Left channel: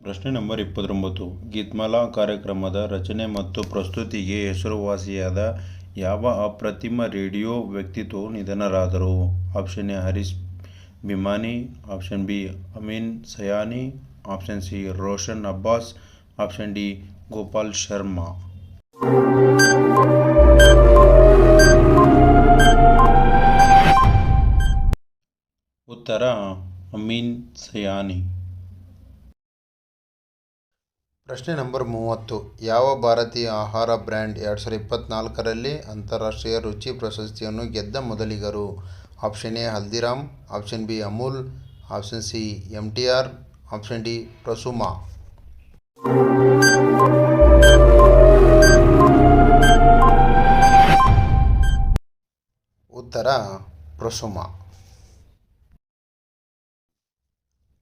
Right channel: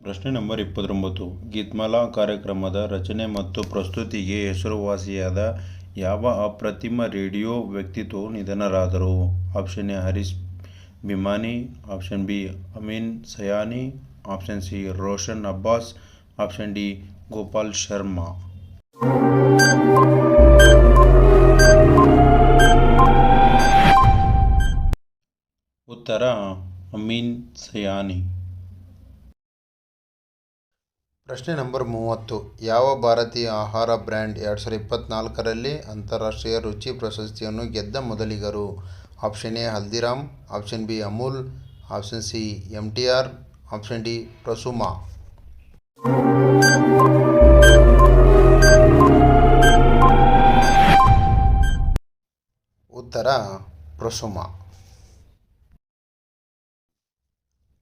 ಪ್ರಶ್ನೆ ನಂಬರ್ 29. ಗೀತ್ಮಾಲಾ ಕಾರ್ಯಕ್ರಮದ ರಚನೆ ಮತ್ತು ಪ್ರಸ್ತುತಿಗೆ ಹೆಸರುವಾಸಿಯಾದ ಯಾವ ಅಪ್ರತಿಮ ರೇಡಿಯೋ ವ್ಯಕ್ತಿತ್ವವು ನಿಧನರಾದರು? Option A Harish Bhimani, option B Ameen Sayani, option C Roshan Abbas, option D Gopal Sharma. ಉತ್ತರ ಅಮೀನ್ ಸಯಾನಿ. ಪ್ರಶ್ನೆ ನಂಬರ್ 30. ಯಾವ ಭಾರತೀಯ ಆಹಾರ ಬ್ರ್ಯಾಂಡ್ 2024ರಲ್ಲಿ ಅಂತಾರಾಷ್ಟ್ರೀಯ ರುಚಿ ಪ್ರಶಸ್ತಿಯನ್ನು ಗೆದ್ದ ಮೊದಲಿಗರು? Option A Haldiram, option B Amul, option C MTR, option D Prasuma. ಉತ್ತರ ಪ್ರಸುಮಾ.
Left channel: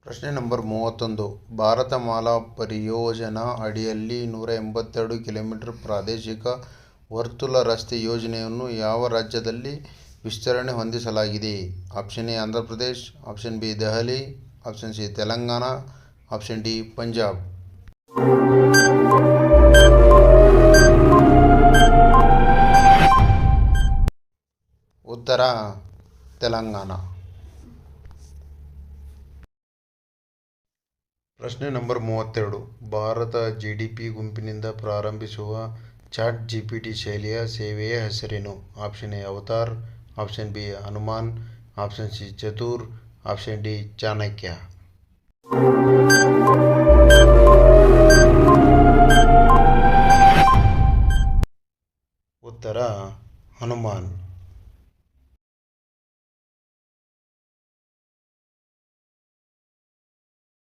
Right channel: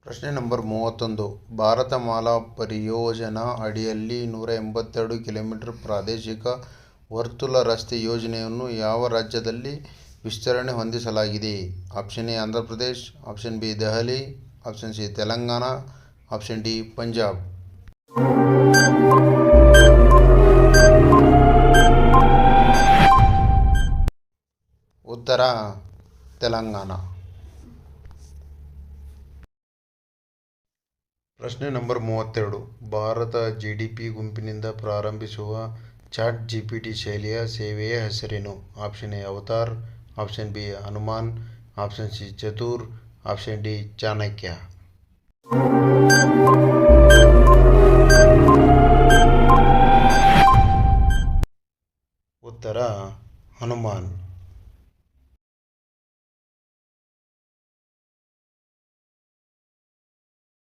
ಪ್ರಶ್ನೆ ನಂಬರ್ 31. ಭಾರತ ಮಾಲಾ ಪರಿಯೋಜನಾ ಅಡಿಯಲ್ಲಿ 182 ಕಿಲೋಮೀಟರ್ ಪ್ರಾದೇಶಿಕ ವರ್ತುಲ ರಸ್ತೆ ಯೋಜನೆಯನ್ನು ಯಾವ ರಾಜ್ಯದಲ್ಲಿ ವಿಸ್ತರಣೆ ಹೊಂದಿಸಲಾಗಿದೆ? Option A Andhra Pradesh, option B Delhi, option C Telangana, option D Punjab. ಉತ್ತರ ತೆಲಂಗಾಣ. ಪ್ರಶ್ನೆ ನಂಬರ್ 32. ಭಾರತ GDP ಗುಂಪಿನಿಂದ ಪ್ರಾರಂಭಿಸುವ ಚಾಟ್ GPT ಶೈಲಿಯ ಸೇವೆಯ ಹೆಸರೇನು? Option A Avatar, option B Hanuman, option C Chatur, option D Chanakya. ಉತ್ತರ ಹನುಮಾನ್.